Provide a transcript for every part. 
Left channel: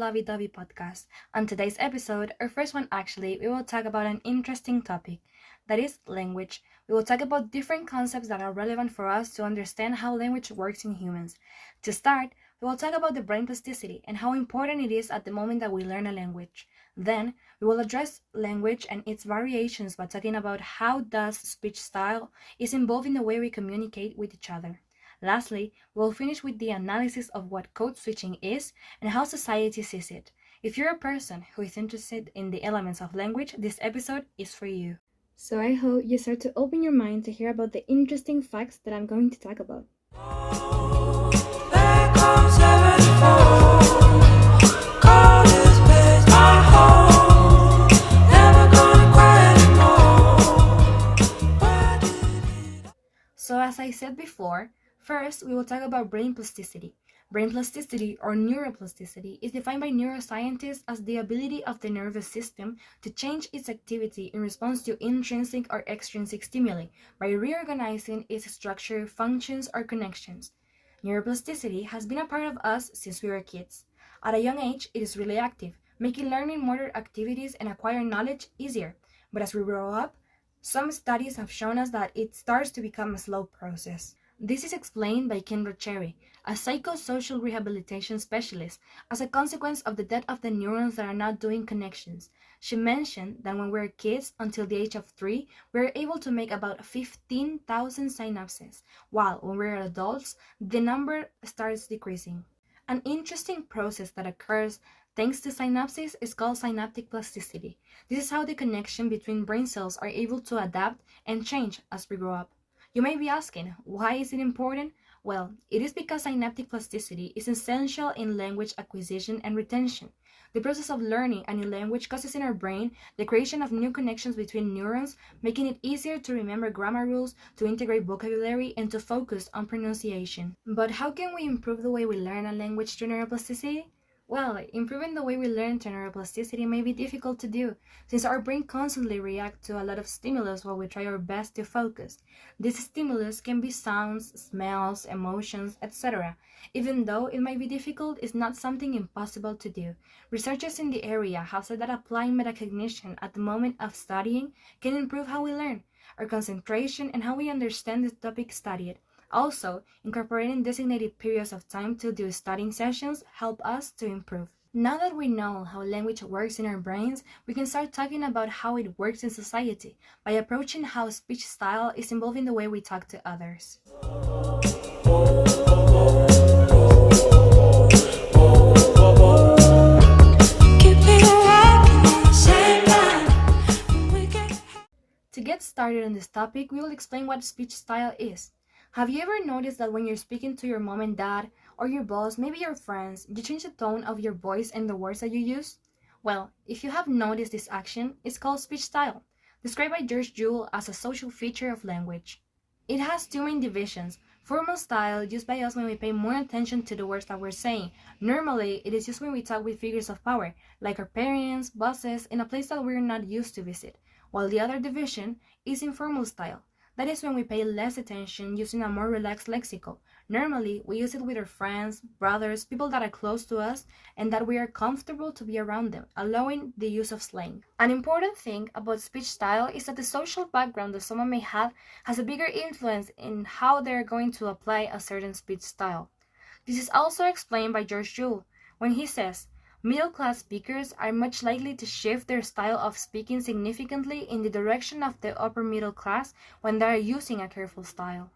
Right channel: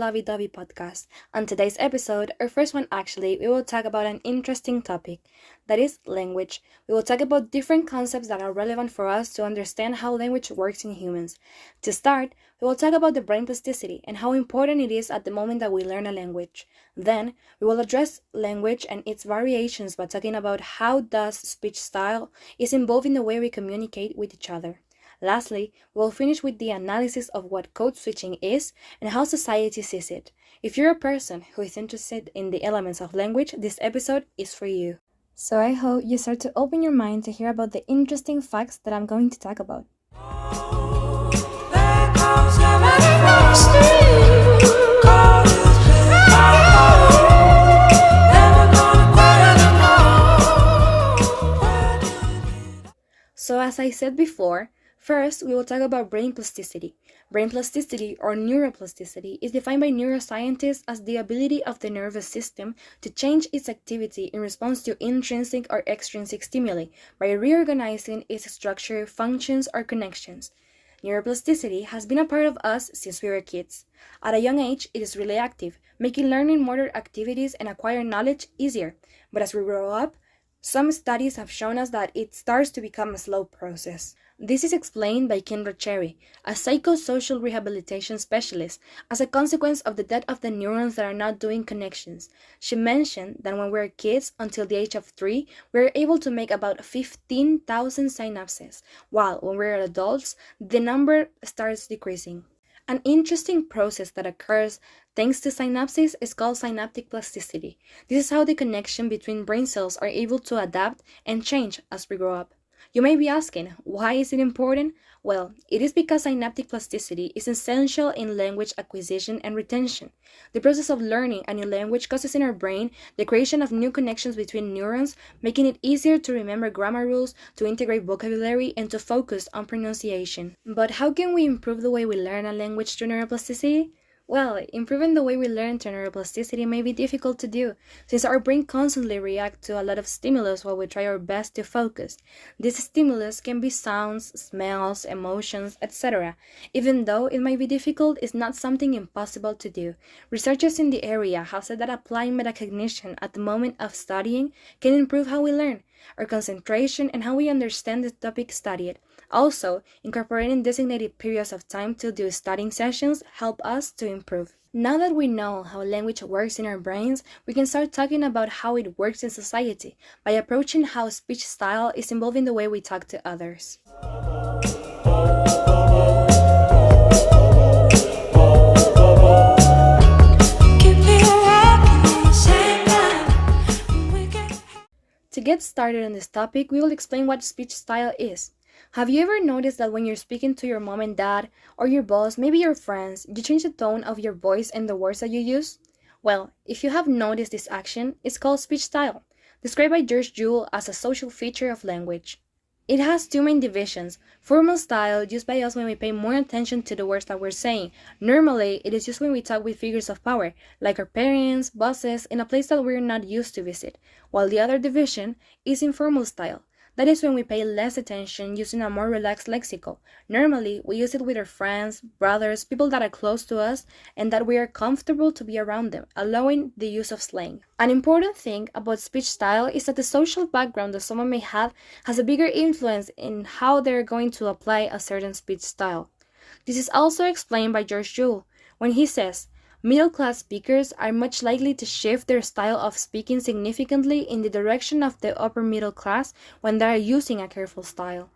Lovey, Dovey podcast. On today's episode, our first one actually, we will talk about an interesting topic that is language. We will talk about different concepts that are relevant for us to understand how language works in humans. To start, we will talk about the brain plasticity and how important it is at the moment that we learn a language. Then, we will address language and its variations by talking about how does speech style is involved in the way we communicate with each other. Lastly, we'll finish with the analysis of what code switching is and how society sees it. If you're a person who is interested in the elements of language, this episode is for you. So I hope you start to open your mind to hear about the interesting facts that I'm going to talk about. So as I said before, first, we will talk about brain plasticity. Brain plasticity, or neuroplasticity, is defined by neuroscientists as the ability of the nervous system to change its activity in response to intrinsic or extrinsic stimuli by reorganizing its structure, functions, or connections. Neuroplasticity has been a part of us since we were kids. At a young age, it is really active, making learning motor activities and acquiring knowledge easier. But as we grow up, some studies have shown us that it starts to become a slow process. This is explained by Kendra Cherry, a psychosocial rehabilitation specialist, as a consequence of the death of the neurons that are not doing connections. She mentioned that when we're kids, until the age of 3, we're able to make about 15,000 synapses, while when we're adults, the number starts decreasing. An interesting process that occurs thanks to synapses is called synaptic plasticity. This is how the connection between brain cells are able to adapt and change as we grow up. You may be asking, why is it important? Well, it is because synaptic plasticity is essential in language acquisition and retention. The process of learning a new language causes in our brain the creation of new connections between neurons, making it easier to remember grammar rules, to integrate vocabulary, and to focus on pronunciation. But how can we improve the way we learn a language through neuroplasticity? Well, improving the way we learn through neuroplasticity may be difficult to do, since our brain constantly reacts to a lot of stimulus while we try our best to focus. These stimulus can be sounds, smells, emotions, etc. Even though it might be difficult, it's not something impossible to do. Researchers in the area have said that applying metacognition at the moment of studying can improve how we learn, our concentration, and how we understand the topic studied. Also, incorporating designated periods of time to do studying sessions help us to improve. Now that we know how language works in our brains, we can start talking about how it works in society by approaching how speech style is involved in the way we talk to others. To get started on this topic, we will explain what speech style is. Have you ever noticed that when you're speaking to your mom and dad, or your boss, maybe your friends, you change the tone of your voice and the words that you use? Well, if you have noticed this action, it's called speech style, described by George Joule as a social feature of language. It has two main divisions: formal style, used by us when we pay more attention to the words that we're saying. Normally, it is used when we talk with figures of power, like our parents, bosses, in a place that we're not used to visit, while the other division is informal style. That is when we pay less attention, using a more relaxed lexical. Normally, we use it with our friends, brothers, people that are close to us, and that we are comfortable to be around them, allowing the use of slang. An important thing about speech style is that the social background that someone may have has a bigger influence in how they're going to apply a certain speech style. This is also explained by George Joule when he says, middle-class speakers are much likely to shift their style of speaking significantly in the direction of the upper middle class when they are using a careful style.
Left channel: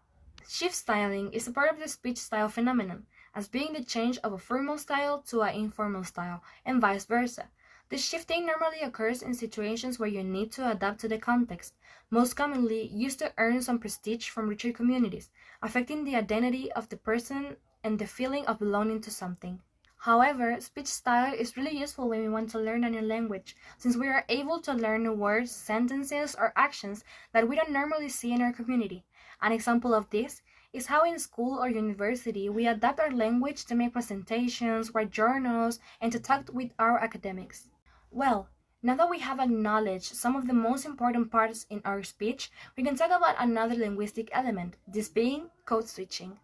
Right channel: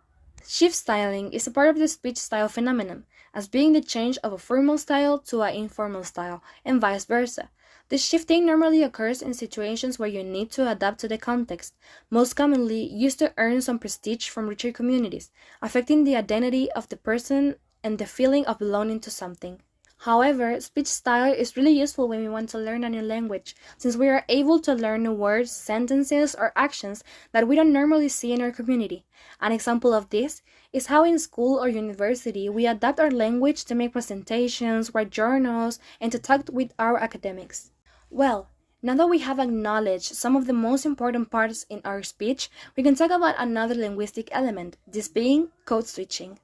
Shift styling is a part of the speech style phenomenon, as being the change of a formal style to an informal style, and vice versa. This shifting normally occurs in situations where you need to adapt to the context, most commonly used to earn some prestige from richer communities, affecting the identity of the person and the feeling of belonging to something. However, speech style is really useful when we want to learn a new language, since we are able to learn new words, sentences, or actions that we don't normally see in our community. An example of this is how in school or university we adapt our language to make presentations, write journals, and to talk with our academics. Well, now that we have acknowledged some of the most important parts in our speech, we can talk about another linguistic element, this being code switching.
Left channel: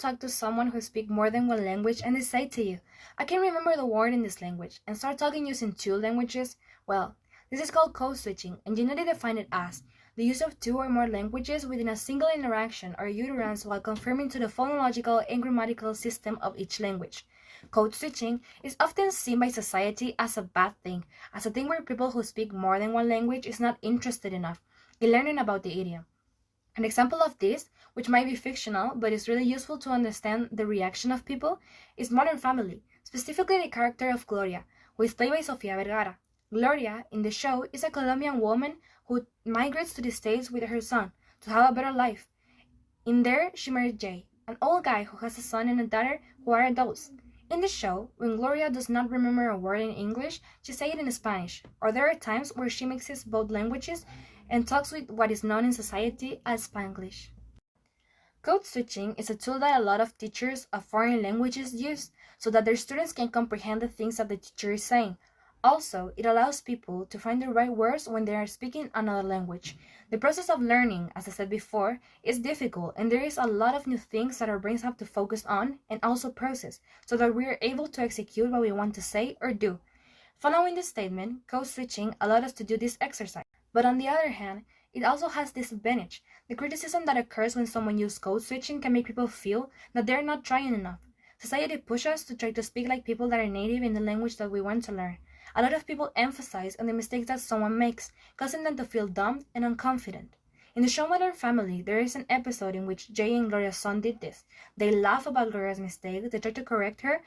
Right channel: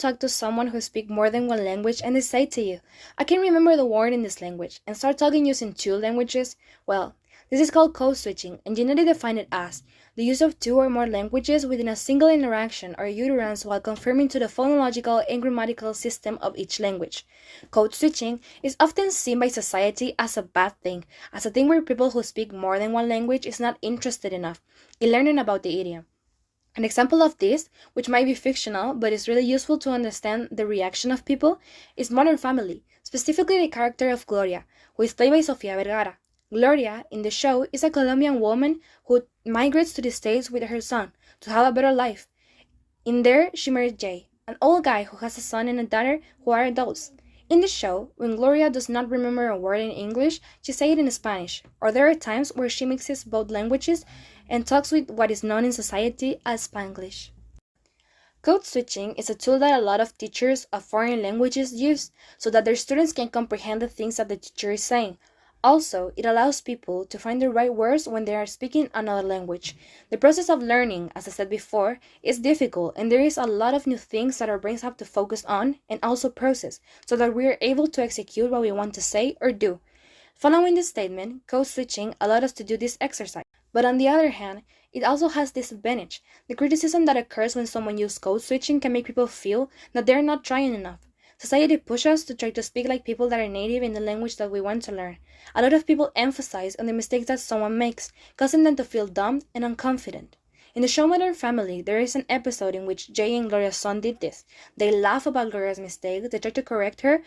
talk to someone who speaks more than one language and they say to you, I can remember the word in this language, and start talking using two languages? Well, this is called code switching, and generally define it as the use of two or more languages within a single interaction or utterance while conforming to the phonological and grammatical system of each language. Code switching is often seen by society as a bad thing, as a thing where people who speak more than one language is not interested enough in learning about the idiom. An example of this, which might be fictional but is really useful to understand the reaction of people, is Modern Family, specifically the character of Gloria, who is played by Sofia Vergara. Gloria, in the show, is a Colombian woman who migrates to the States with her son to have a better life. In there, she marries Jay, an old guy who has a son and a daughter who are adults. In the show, when Gloria does not remember a word in English, she says it in Spanish, or there are times where she mixes both languages and talks with what is known in society as Spanglish. Code switching is a tool that a lot of teachers of foreign languages use so that their students can comprehend the things that the teacher is saying. Also, it allows people to find the right words when they are speaking another language. The process of learning, as I said before, is difficult, and there is a lot of new things that our brains have to focus on and also process so that we are able to execute what we want to say or do. Following this statement, code switching allowed us to do this exercise. But on the other hand, it also has disadvantage. The criticism that occurs when someone uses code switching can make people feel that they're not trying enough. Society pushes us to try to speak like people that are native in the language that we want to learn. A lot of people emphasize on the mistakes that someone makes, causing them to feel dumb and unconfident. In the show Modern Family, there is an episode in which Jay and Gloria's son did this. They laugh about Gloria's mistake, they try to correct her,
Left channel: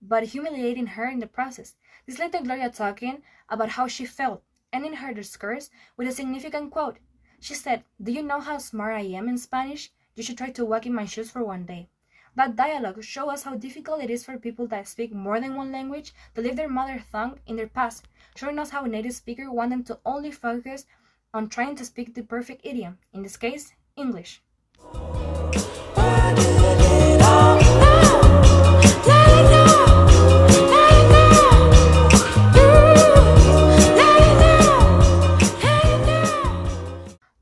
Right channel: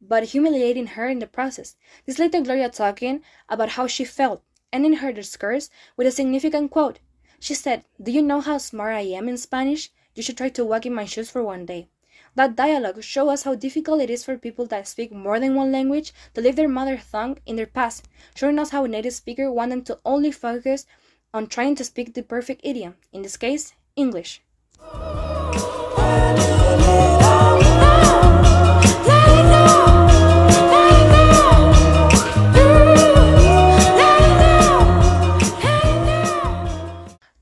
but humiliating her in the process. This led to Gloria talking about how she felt, ending her discourse with a significant quote. She said, "Do you know how smart I am in Spanish? You should try to walk in my shoes for one day." That dialogue shows us how difficult it is for people that speak more than one language to leave their mother tongue in their past, showing us how native speakers want them to only focus on trying to speak the perfect idiom, in this case, English.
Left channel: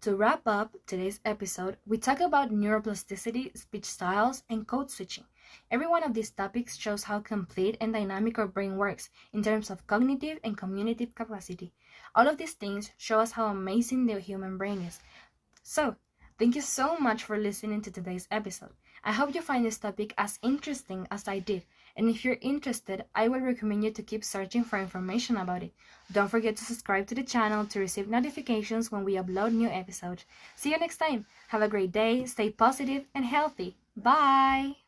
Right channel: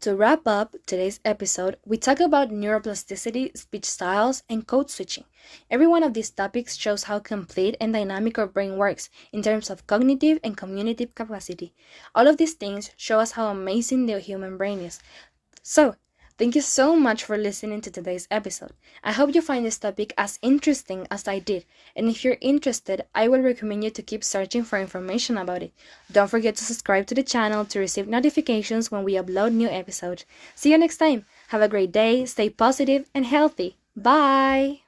To wrap up today's episode, we talk about neuroplasticity, speech styles, and code switching. Every one of these topics shows how complete and dynamic our brain works in terms of cognitive and communicative capacity. All of these things show us how amazing the human brain is. So, thank you so much for listening to today's episode. I hope you find this topic as interesting as I did, and if you're interested, I will recommend you to keep searching for information about it. Don't forget to subscribe to the channel to receive notifications when we upload new episodes. See you next time. Have a great day, stay positive and healthy. Bye!